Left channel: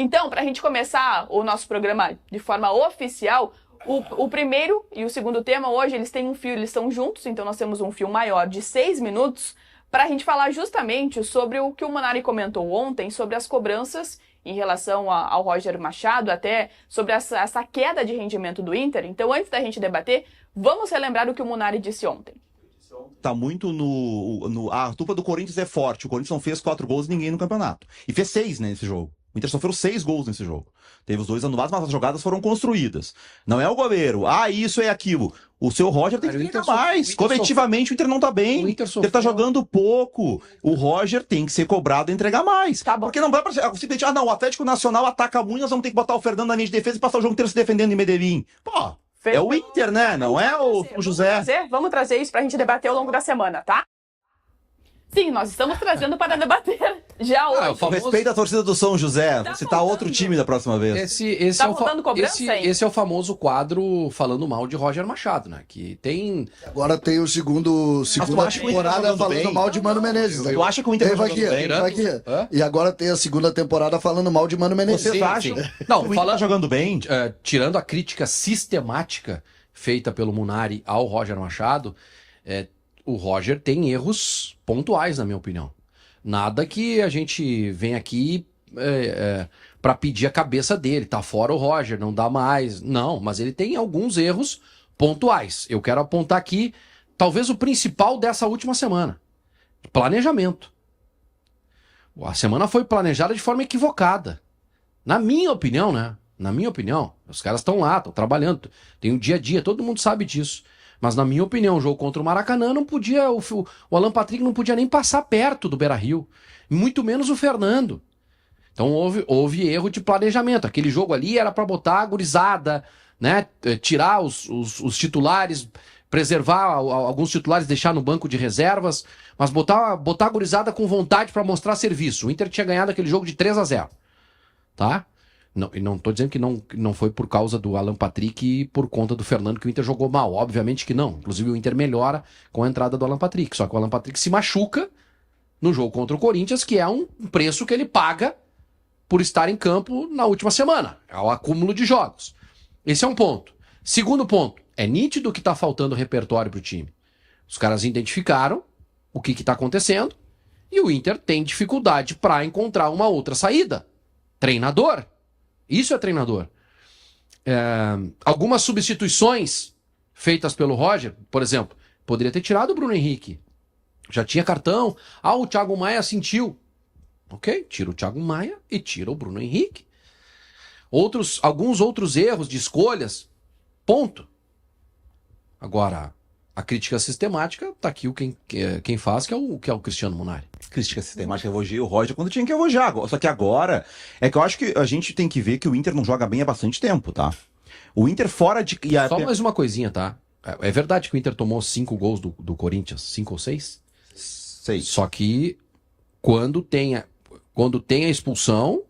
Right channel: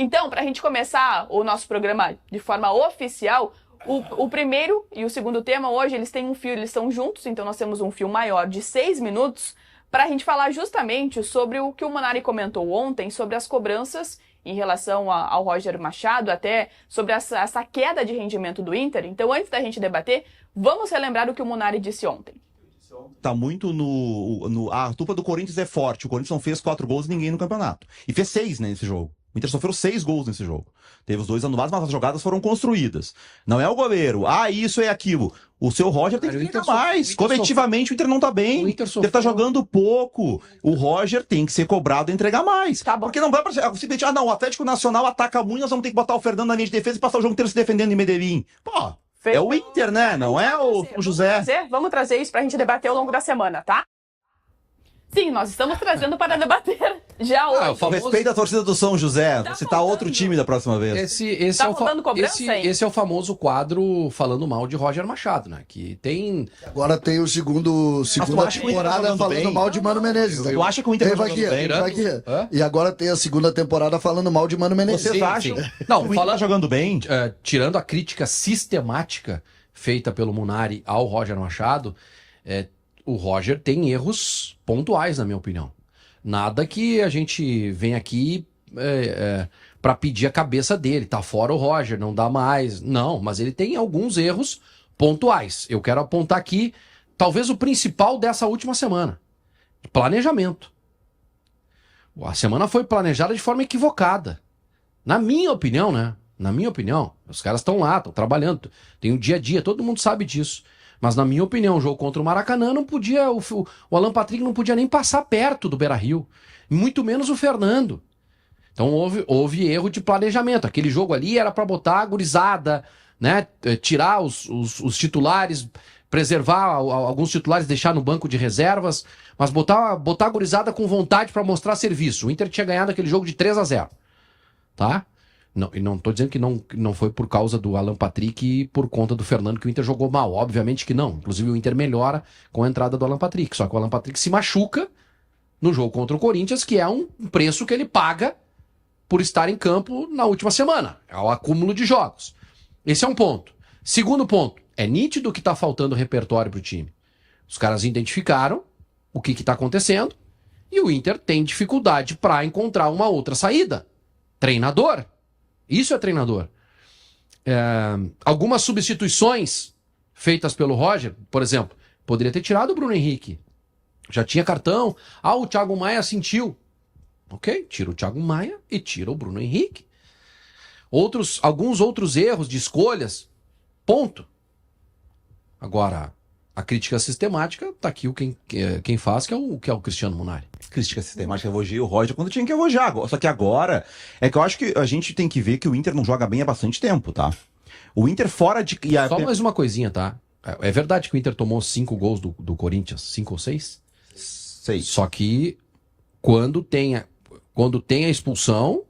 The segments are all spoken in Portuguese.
Então, para a gente começar o nosso programa de forma oficial, o primeiro e o segundo tema hoje, eles têm um fio, eles estão juntos, então nós temos um fio maior de 6 minutos para a gente falar justamente sobre o que o Munari comentou ontem, sobre as cobranças em relação ao Roger Machado, até sobre essa queda de rendimento do Inter. Então, antes da gente debater, vamos relembrar o que o Munari disse ontem. Tá muito a dupla do Corinthians é forte. O Corinthians não fez 4 gols e ninguém no campeonato. E fez 6, né, nesse jogo. O Inter sofreu 6 gols nesse jogo. Teve os 2 anulados, mas as jogadas foram construídas. Não é o goleiro. Isso é aquilo. O seu Roger tem que entregar mais. Coletivamente o Inter não tá bem. O Inter tá jogando pouco. O Roger tem que ser cobrado e entregar mais. Tá bom. Porque não vai pra simplesmente, o Atlético Nacional ataca muito, nós vamos ter que botar o Fernando na linha de defesa e passar o jogo inteiro se defendendo em Medellín. Pô, é o Inter, né? Não é o José. Vamos trazer isso pra gente debater ao longo da semana, tá? Sim, nós estamos trazendo para debater já hoje. Respeita a torcida do São José. Vou citar outro time da próxima vez. Esse é o famoso quadro falando mal de Roger Machado, né? Que tem... Agora tem o segunda temporada falando mal de Mano Menezes. Tu acha que o Inter vai aqui. E agora tem a segunda temporada falando mal de Mano Menezes. Vocês acham? Não, o Inter tá jogando bem? Tirando a crítica sistemática feita pelo Munari ao Roger Machado, o Roger tem erros pontuais, na minha opinião. Nada que a gente vem aqui para pedir a cabeça dele. Tá fora o Roger, não dá mais. Não, mas ele tem alguns erros pontuais. Eu quero apontar aqui, talvez o principal dessa última semana. Planejamento. A semana foi planejada de forma equivocada. Na minha opinião, né? Na minha opinião, os caras estão lá, estão trabalhando. Tem o dia a dia, todo mundo sabe disso. Mas, na minha opinião, o jogo contra o Maracanã não podia... O Alan Patrick não podia nem passar perto do Beira-Rio. Muito menos o Fernando. Então, houve erro de planejamento. Aquele jogo ali era para botar a gurizada, né? Tirar os titulares, preservar alguns titulares, deixar no banco de reservas, mas botar a gurizada com vontade para mostrar serviço. O Inter tinha ganhado aquele jogo de 3-0. Tá? Não, e não estou dizendo que não foi por causa do Alan Patrick e por conta do Fernando que o Inter jogou mal. Obviamente que não. Inclusive o Inter melhora com a entrada do Alan Patrick. Só que o Alan Patrick se machuca no jogo contra o Corinthians, que é um preço que ele paga por estar em campo na última semana. É o acúmulo de jogos. Esse é um ponto. Segundo ponto. É nítido que está faltando repertório para o time. Os caras identificaram o que está acontecendo e o Inter tem dificuldade para encontrar uma outra saída. Treinador. Isso é treinador. Algumas substituições feitas pelo Roger, por exemplo, poderia ter tirado o Bruno Henrique. Já tinha cartão. O Thiago Maia sentiu. Ok, tira o Thiago Maia e tira o Bruno Henrique. Alguns outros erros de escolhas. Ponto. Agora, a crítica sistemática, tá aqui quem faz, que é o Cristiano Munari. Crítica sistemática, elogia o Roger quando tinha que elogiar. Só que agora, que eu acho que a gente tem que ver que o Inter não joga bem há bastante tempo, tá? O Inter fora de... Só mais uma coisinha, tá? É verdade que o Inter tomou 5 gols do Corinthians, 5 ou 6? 6. Só que quando tem a expulsão,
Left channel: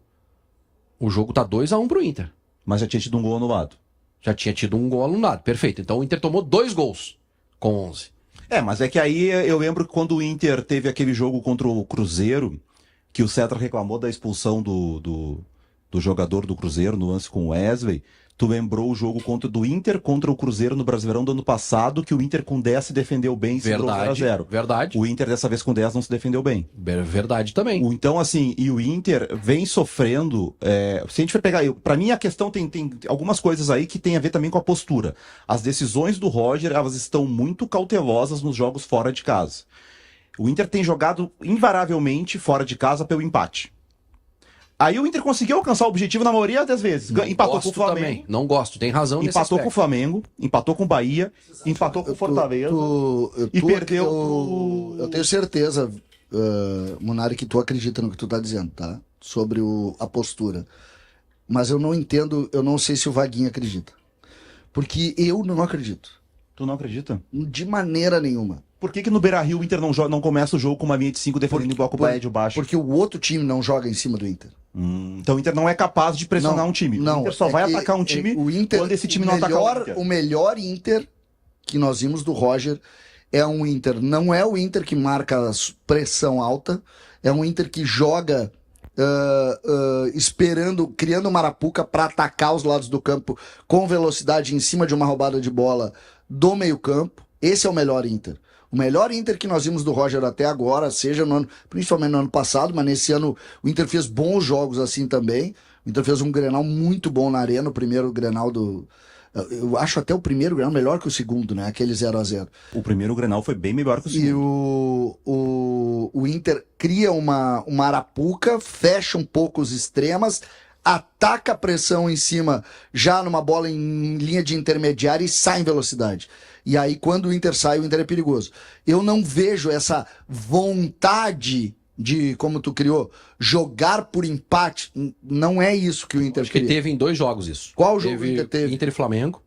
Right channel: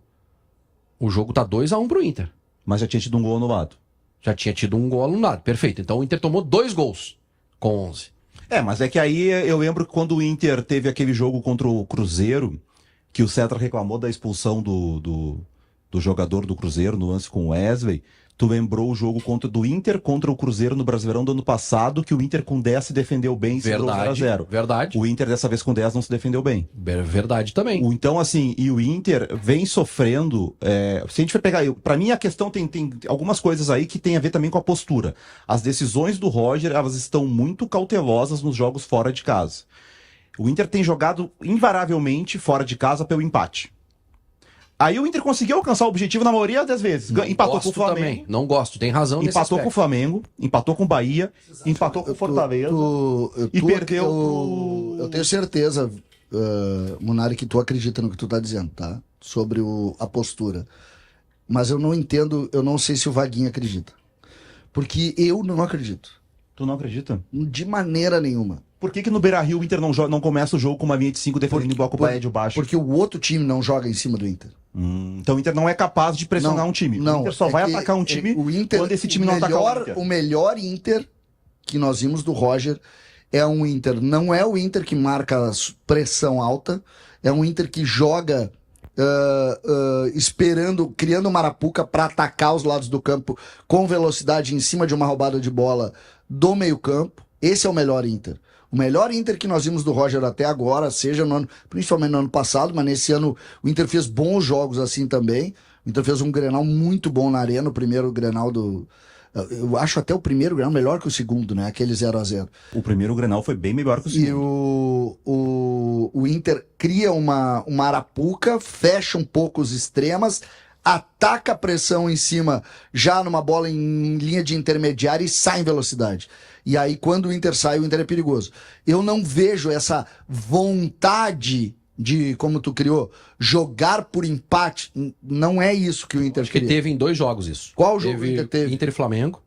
o jogo tá 2-1 pro Inter. Mas já tinha tido um gol anulado. Já tinha tido um gol anulado, perfeito. Então o Inter tomou 2 gols com 11. Mas é que aí eu lembro que quando o Inter teve aquele jogo contra o Cruzeiro, que o Cetra reclamou da expulsão do jogador do Cruzeiro no lance com o Wesley, tu lembrou o jogo do Inter contra o Cruzeiro no Brasileirão do ano passado, que o Inter com 10 se defendeu bem e segurou 0-0. Verdade. O Inter dessa vez com 10 não se defendeu bem. Verdade também. Então, assim, e o Inter vem sofrendo... se a gente for pegar... Pra mim, a questão tem algumas coisas aí que tem a ver também com a postura. As decisões do Roger, elas estão muito cautelosas nos jogos fora de casa. O Inter tem jogado invariavelmente fora de casa pelo empate. Aí o Inter conseguiu alcançar o objetivo na maioria das vezes. Empatou com o Flamengo. Também. Não gosto, tem razão nesse Empatou com o Flamengo, empatou com o Bahia, empatou com o Fortaleza e perdeu... Eu tenho certeza, Munari, que tu acredita no que tu tá dizendo, tá? Sobre a postura. Mas eu não entendo, eu não sei se o Vaguinho acredita. Porque eu não acredito. Tu não acredita? De maneira nenhuma. Por que no Beira-Rio o Inter não começa o jogo com uma linha de 5 defendendo em bloco médio baixo? Porque o outro time não joga em cima do Inter. Então o Inter não é capaz de pressionar um time. Não, o Inter só vai atacar um time quando esse time não atacar o Inter. O melhor Inter que nós vimos do Roger é um Inter, não é o Inter que marca pressão alta, é um Inter que joga esperando, criando uma arapuca para atacar os lados do campo com velocidade em cima de uma roubada de bola do meio-campo. Esse é o melhor Inter. O melhor Inter que nós vimos do Roger até agora, seja no ano, principalmente no ano passado, mas nesse ano o Inter fez bons jogos assim também. O Inter fez um Grenal muito bom na Arena, o primeiro Grenal do... Eu acho até o primeiro Grenal melhor que o segundo, né? Aquele 0-0. O primeiro Grenal foi bem melhor que o segundo. E o Inter cria uma arapuca, fecha um pouco os extremas, ataca a pressão em cima, já numa bola em linha de intermediária e sai em velocidade. E aí, quando o Inter sai, o Inter é perigoso. Eu não vejo essa vontade de, como tu criou, jogar por empate. Não é isso que o Inter Acho que queria. teve em 2 jogos isso. Qual jogo o Inter teve? Inter e Flamengo,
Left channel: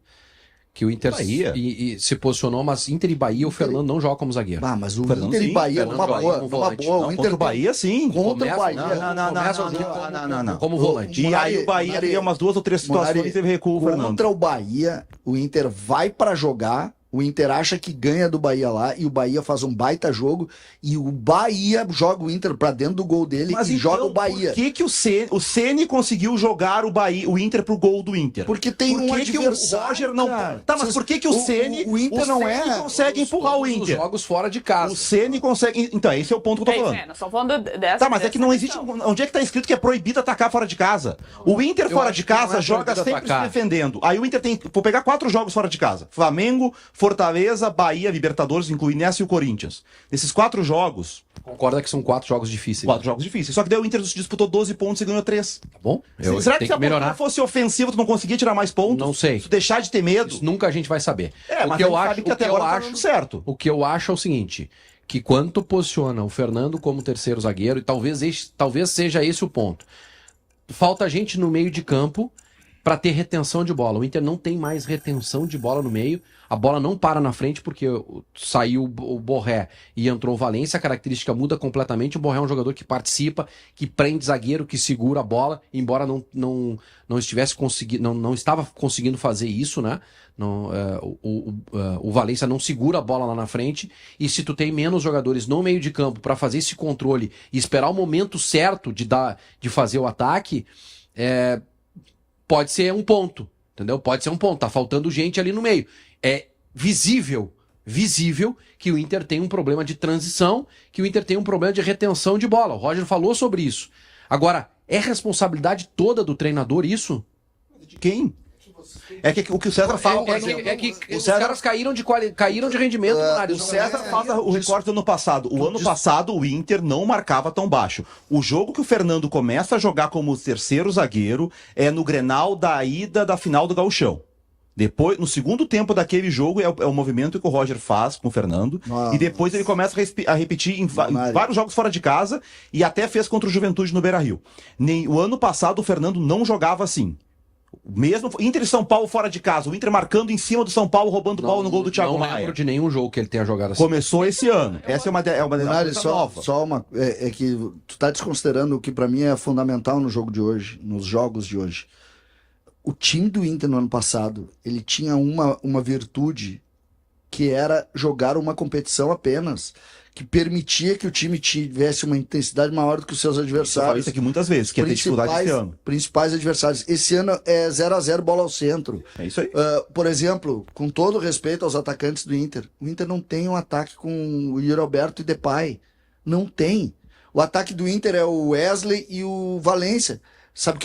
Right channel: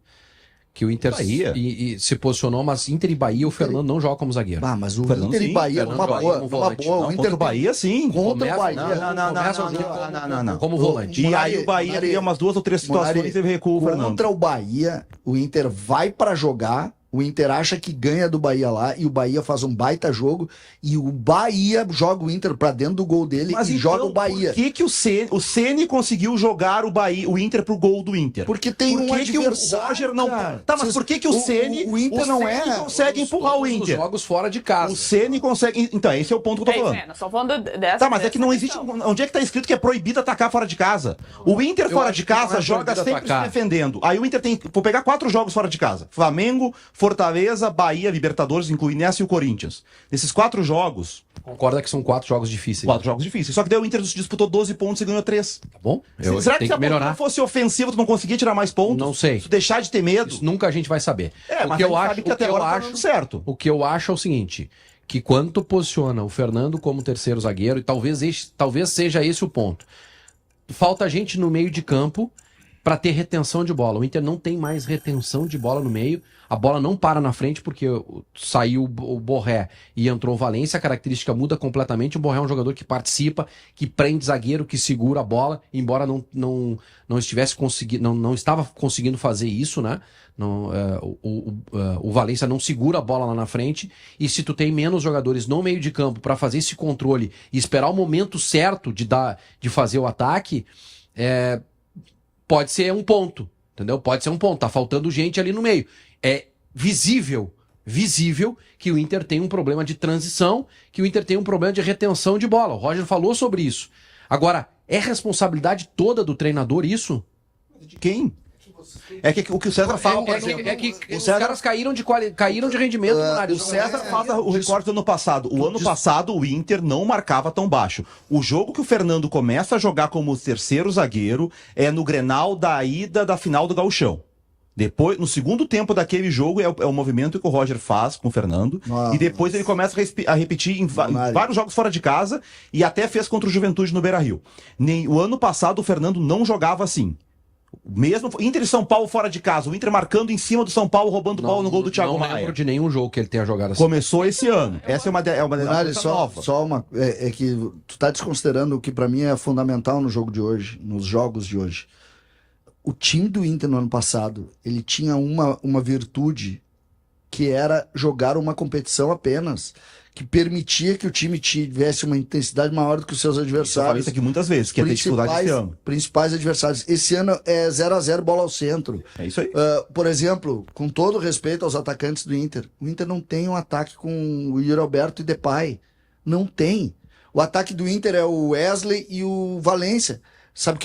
que o Inter Bahia. e se posicionou, mas Inter e Bahia, o Fernando não joga como zagueiro. Ah, mas o Fernando, Inter e sim. Bahia, Fernando uma joga boa, como uma volante. boa. Não, O Inter contra o Bahia, sim. contra o Bahia. Começa o jogo não. como volante. E aí o Bahia teve umas 2 ou 3 situações e teve recuo, Fernando. Contra o Bahia, o Inter vai pra jogar, o Inter acha que ganha do Bahia lá e o Bahia faz um baita jogo e o Bahia joga o Inter pra dentro do gol dele e joga o Bahia. Por que o Ceni conseguiu jogar o Inter pro gol do Inter? Porque tem Por um que que o adversário, Roger não... cara. Tá, mas por que que o Ceni... O Inter não é... consegue empurrar o Os Inter? jogos fora de casa. O Ceni consegue... Então, esse é o ponto que eu tô falando. Nós estamos falando dessa. Tá, mas é que não dessa existe... questão. Onde é que tá escrito que é proibido atacar fora de casa? O Inter Eu fora acho de que não casa é joga proibido sempre atacar. se defendendo. Aí o Inter tem... Vou pegar 4 jogos fora de casa. Flamengo, Fortaleza, Bahia, Libertadores, incluindo essa e o Corinthians. Nesses 4 jogos... Concorda que são 4 jogos difíceis. 4 jogos difíceis. Só que daí o Inter disputou 12 pontos e ganhou 3. Tá bom? Será que tenho se a que melhorar. não fosse ofensiva, tu não conseguia tirar mais pontos? Não sei. Se tu deixar de ter medo? Isso nunca a gente vai saber. É, o mas que a eu gente acho, sabe que o até que eu agora tá acho, dando certo. o que eu acho é o seguinte, que quando tu posiciona o Fernando como terceiro zagueiro, e talvez seja esse o ponto. Falta gente no meio de campo para ter retenção de bola. O Inter não tem mais retenção de bola no meio. A bola não para na frente porque saiu o Borré e entrou o Valência. A característica muda completamente. O Borré é um jogador que participa, que prende zagueiro, que segura a bola, embora não estivesse conseguindo, não estava conseguindo fazer isso, né? O Valência não segura a bola lá na frente. E se tu tem menos jogadores no meio de campo para fazer esse controle e esperar o momento certo de fazer o ataque, pode ser um ponto, entendeu? Pode ser um ponto. Tá faltando gente ali no meio. É visível que o Inter tem um problema de transição, que o Inter tem um problema de retenção de bola. O Roger falou sobre isso. Agora, é responsabilidade toda do treinador isso? De quem? É que o que o César fala... Os caras caíram de rendimento. O César faz o recorte do ano passado. O ano passado o Inter não marcava tão baixo. O jogo que o Fernando começa a jogar como terceiro zagueiro é no Grenal da ida da final do Gauchão. Depois, no segundo tempo daquele jogo, é o movimento que o Roger faz com o Fernando. E depois ele começa a repetir em vários jogos fora de casa e até fez contra o Juventude no Beira-Rio. O ano passado o Fernando não jogava assim. Mesmo Inter e São Paulo fora de casa, o Inter marcando em cima do São Paulo, roubando bola no gol do Thiago Maia. Não lembro de nenhum jogo que ele tenha jogado assim. Começou esse ano. Essa é uma coisa nova. Só uma... É que tu tá desconsiderando o que pra mim é fundamental no jogo de hoje, nos jogos de hoje. O time do Inter no ano passado, ele tinha uma virtude que era jogar uma competição apenas, que permitia que o time tivesse uma intensidade maior do que os seus Eu adversários. falei isso aqui muitas vezes, que ia ter dificuldade esse ano. Principais adversários. Esse ano é 0-0 bola ao centro. É isso aí. Por exemplo, com todo respeito aos atacantes do Inter, o Inter não tem um ataque com o Yuri Alberto e Depay. Não tem. O ataque do Inter é o Wesley e o Valência. Sabe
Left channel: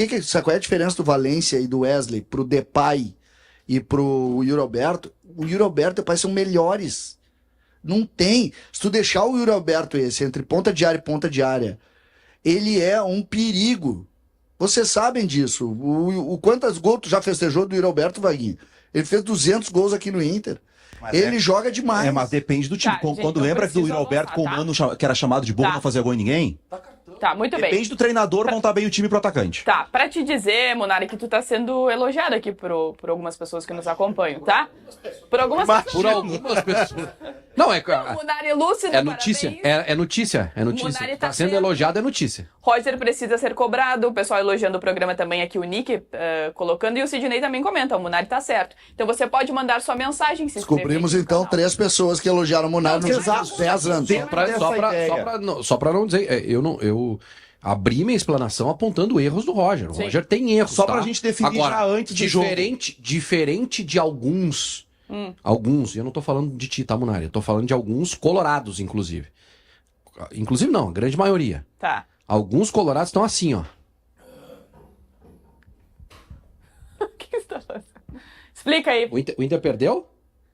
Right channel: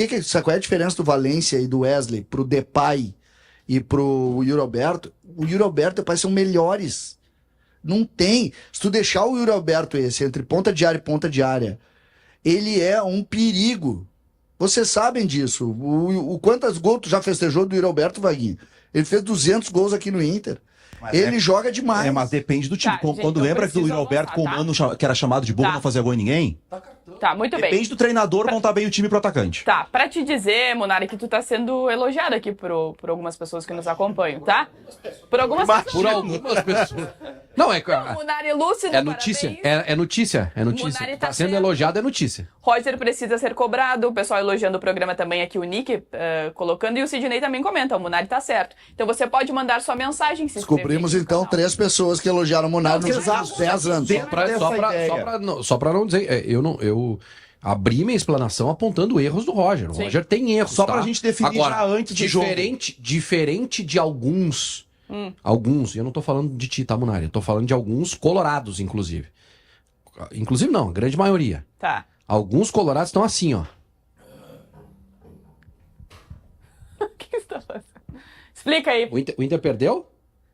qual é a diferença do Valência e do Wesley pro Depay e pro Yuri Alberto? O Yuri Alberto e o Depay são melhores. Não tem. Se tu deixar o Yuri Alberto entre ponta de área e ponta de área, ele é um perigo. Vocês sabem disso. O quantos gols tu já festejou do Yuri Alberto, Vaguinho? Ele fez 200 gols aqui no Inter. Mas ele joga demais. Mas depende do time. Tá, Quando lembra do Yuri Alberto com o Mano, que era chamado de burro, não fazia gol em ninguém? Tá, muito bem. Depende do treinador montar bem o time pro atacante. Tá, pra te dizer, Munari, que tu tá sendo elogiado aqui por algumas pessoas que nos acompanham, tá? Por algumas pessoas. Por algumas pessoas. Não, Munari lúcido, é notícia. parabéns. É notícia. É notícia. Munari Tá sendo elogiado, é notícia. Roger precisa ser cobrado, o pessoal elogiando o programa também aqui, o Nick colocando, e o Sidney também comenta, o Munari tá certo. Então você pode mandar sua mensagem, se inscrever Descobrimos aqui no então canal. 3 pessoas que elogiaram o Munari nos últimos 10 anos. Só pra não dizer, Abri minha explanação apontando erros do Roger. O Sim. Roger tem erros, Só tá? pra gente definir Agora, já antes do jogo. diferente de alguns, eu não tô falando de ti, tá, Munari? Eu tô falando de alguns colorados, inclusive. Inclusive não, a grande maioria. Tá. Alguns colorados estão assim, ó. O que você tá fazendo? Explica aí. O Inter perdeu?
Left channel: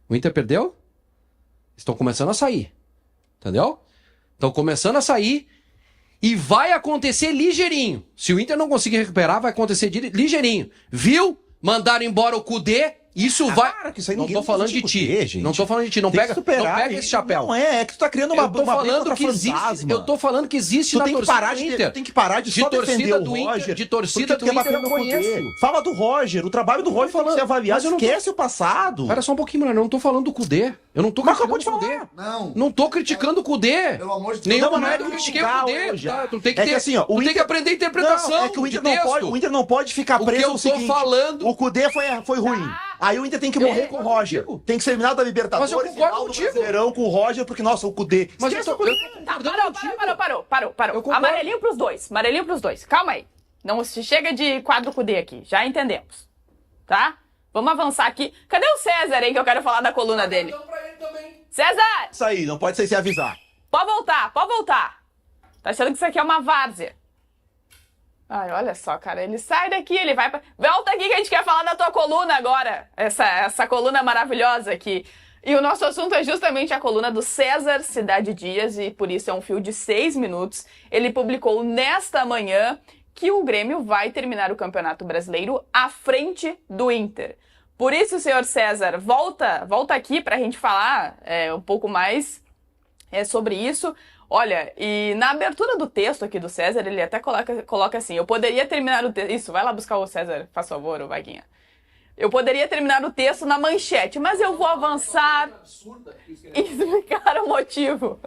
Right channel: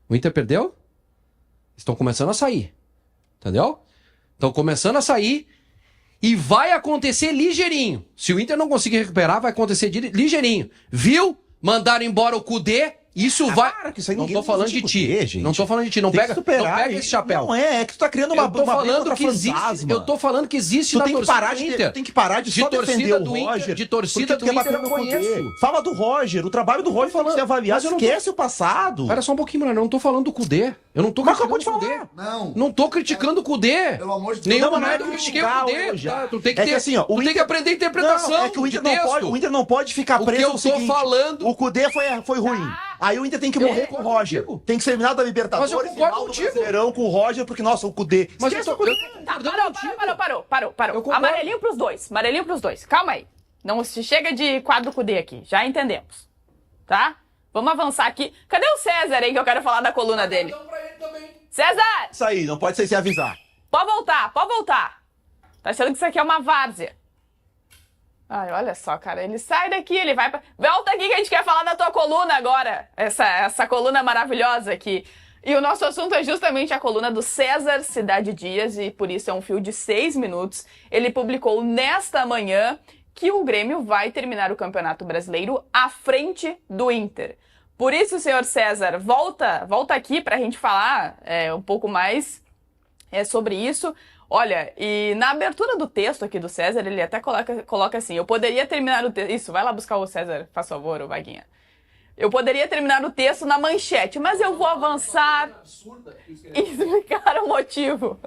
O Inter perdeu? Estão começando a sair. Entendeu? Estão começando a sair e vai acontecer ligeirinho. Se o Inter não conseguir recuperar, vai acontecer ligeirinho. Viu? Mandaram embora o Cudê. Isso vai. Para, que isso aí Não ninguém tô falando de vai ti. discutir, gente. Não tô falando de ti. Não Tem que pega, superar, não pega gente. esse chapéu. Não é que tu tá criando uma Eu tô briga falando contra que existe. fantasma. Eu tô falando que existe Tu na tem que torcida parar do de, Inter. tem que parar de só torcida defender o do Inter, Roger. de torcida porque tu do quer Inter bater eu no Cudê. conheço. Fala do Roger. O trabalho do Roger tem que ser avaliado. mas eu não tô- Esquece o passado. Espera só um pouquinho, mano. Eu não tô falando do Cudê. Eu não tô Mas criticando acabou de o Cudê. falar. Não. Não tô criticando o Cudê. Pelo amor de Deus. Nenhuma Não é nada eu critiquei o criticar Cudê. hoje. Tá? Tu tem que É que ter, assim, ó, tu o tem Inter- que aprender a interpretação. Não, é que o Inter não pode, o Inter não pode ficar O preso que eu no tô seguinte, falando- o Cudê foi ruim. Aí o Inter tem que morrer com o concordo Roger. contigo. Tem que ser eliminado da Libertadores, Mas eu concordo final do contigo. Brasileirão com o Roger, porque, nossa, o Cudê. Mas Esquece eu o tô Cudê. Tá, concordando contigo. parou. Eu concordo. Amarelinho pros dois. Amarelinho pros dois. Calma aí. Não se chega de quadro Cudê aqui. Já entendemos. Tá? Vamos avançar aqui. Cadê o César aí que eu quero falar da coluna dele? César! Isso aí, não pode ser sem avisar. Pode voltar. Tá achando que isso aqui é uma várzea. Ai, olha só, cara. Ele sai daqui, ele vai pra... Volta aqui que a gente quer falar da tua coluna agora. Essa coluna maravilhosa aqui. E o nosso assunto é justamente a coluna do César Cidade Dias, e por isso é um fio de 6 minutos. Ele publicou nesta manhã que o Grêmio vai terminar o Campeonato Brasileiro à frente do Inter. Por isso, senhor César, volta aqui pra gente falar um pouco mais sobre isso. Olha, e na abertura do texto aqui do César, ele até coloca assim, eu poderia terminar o texto... Isso, vai lá buscar o César, faz favor, ô Vaguinha. Eu poderia terminar o texto na manchete, mas eu vou avançar e explicar o motivo.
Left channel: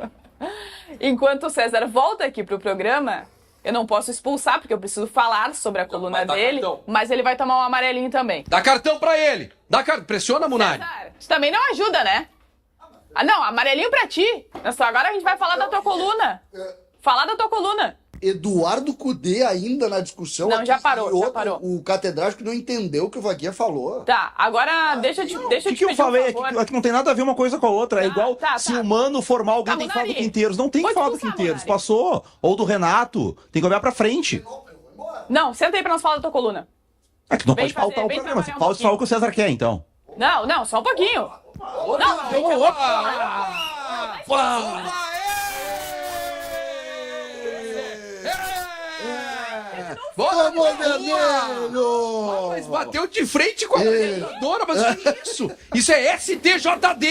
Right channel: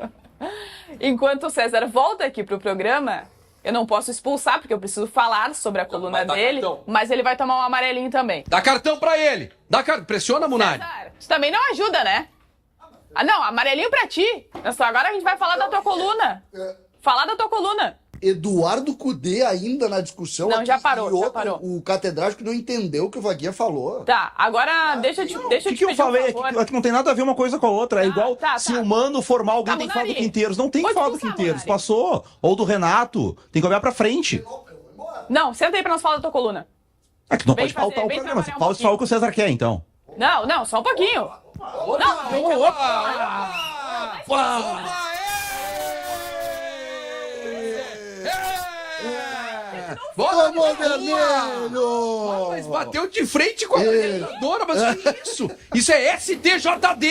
Enquanto o César volta aqui pro programa, eu não posso expulsar, porque eu preciso falar sobre a coluna vai dar dele, cartão. mas ele vai tomar um amarelinho também. Dá cartão pra ele. Pressiona, Munari. César, isso também não ajuda, né? Ah, não, amarelinho pra ti. Só agora a gente vai falar da tua coluna. Falar da tua coluna. Eduardo Cudê ainda na discussão. Não, aqui, já parou, e outro, já parou. O catedrático não entendeu o que o Vaguinha falou. Tá, agora deixa eu te O pedir que eu falei um é favor. que não tem nada a ver uma coisa com a outra. É igual tá. se o Mano formar alguém, Tá, tem que falar do Munari. Quinteiros. Não tem que Pode falar do expulsar, Quinteiros. Munari. Passou. Ou do Renato. Tem que olhar pra frente. Não, senta aí pra nós falar da tua coluna. É que não Vem pode pautar fazer- o vem programa. Você trabalhar um fala o que o César quer, então. Não, só um pouquinho. Vamos, vermelho! Mas bateu de frente com a coordenadora, mas que isso? Isso é STJD!